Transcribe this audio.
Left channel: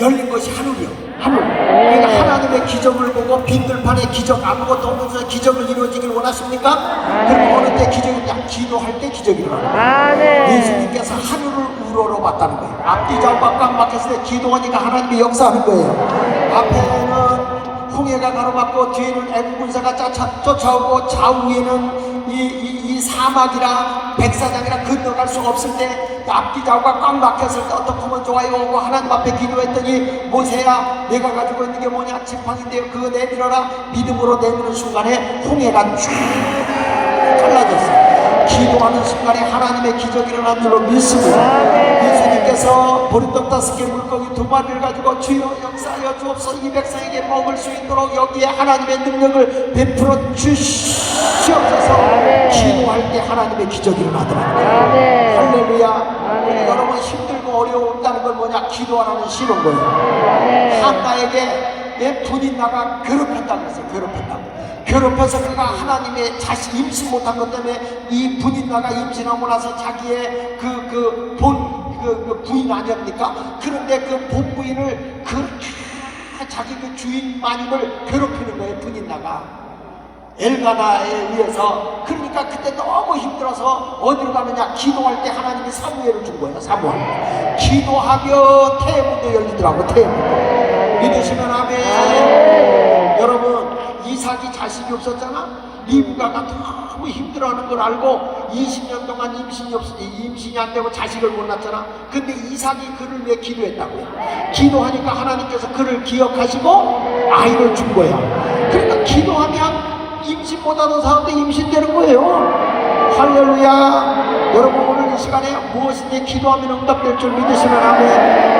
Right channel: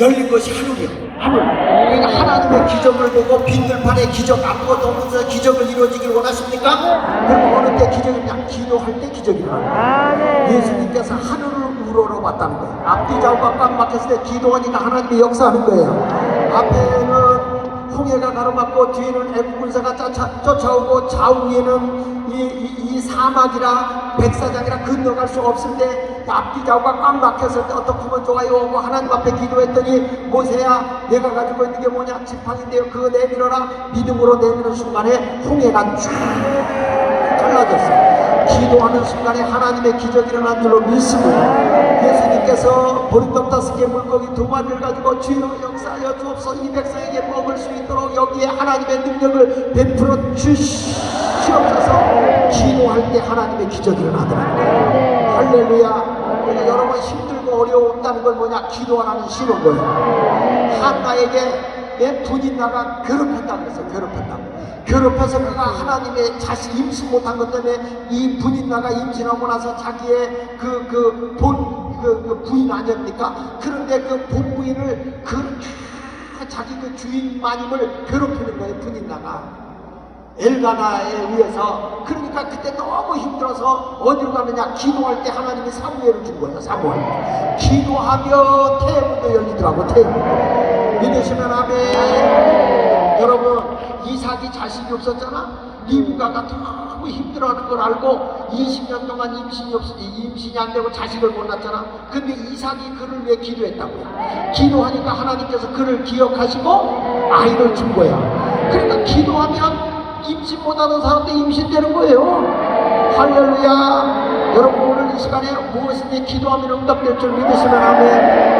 열린 것이 하늘이야. 하늘. 그러니까 하나님의 기적을 보고 빈들판에 기적 아무것도 없는 기적을 이루어지길 원하십니까? 그럼 어느 때 기적이 냐 기도할 때 기적이 일어나. 아멘. 예수님께서 하늘을 우러러 봤다는 거예요. 앞뒤 좌우가 꽉 막혔을 때 기도하니까 하나님이 역사하는 거예요. 앞에 는 홍해가 가로막고 뒤에는 애국 군사가 쫓아, 쫓아오고 좌우에는 이, 이, 이 사막이나 백사장이나 건너갈 수 없을 때 앞뒤 좌우가 꽉 막혔을 때 어떻게 하면 좋아요 하고 하나님 앞에 기도했더니 모세야 내가 가지고 있는 게 뭐냐 지팡인데요 그거 내밀어라 믿음으로 내미는 순간에 홍해가 쭉 갈라졌어요. 기도하는 순간에 하나님의 기적이 일어난 줄로 믿습니다. 예수님께서 보리떡 다섯 개 물고기 두 마리를 가지고 주여 역사하여 주옵소서 이 백성에게 먹을 수 있도록 여기에 하나님의 능력을 베풀어 주시옵소서. 기도할 때 하나님의 기적이 일어나더라고요. 할렐루야. 여러분 힘들고 어려웠다는 건 뭐냐? 기도하라는 신호인 거예요. 한나에게 내 분인나가 괴롭혔다고 했어요. 괴롭혔다고. 괴롭혀서 그가 하나님의 자신 임신 못한 것 때문에 이 분인나가 임신하고 나서 자기의 그 그 본그그 부인 아니옵니까? 그런데 그 본부인을 그렇게 자기 그 주인 마님을 괴롭히는 거예요. 분인나가. 엘가나에 의해서 그러니까 그때 너무 힘들어서 어디로 가느냐 기도할 때 하나님이 사무엘을 준 거예요 사무엘 기도하며 태문도 열리더라고 태문 믿으시면 아멘 여러분 이삭이 자식이 없었잖아 리브가가 너무 힘들어하는 걸 알고 20년 동안 임신이 없 임신이 안 되고 자식을 못 낳잖아 근데 이삭이 그를 위해 기도했다고요 기도하니까 하나님께서 그를 기억하시고 아이를 준 거예요 그러니까 기도하면 임신 못하는 사람도 임신되는 거예요. 할렐루야. 여러분 오늘 이 시간에 무엇인지 기도하면 응답될 줄 믿으시면 아멘.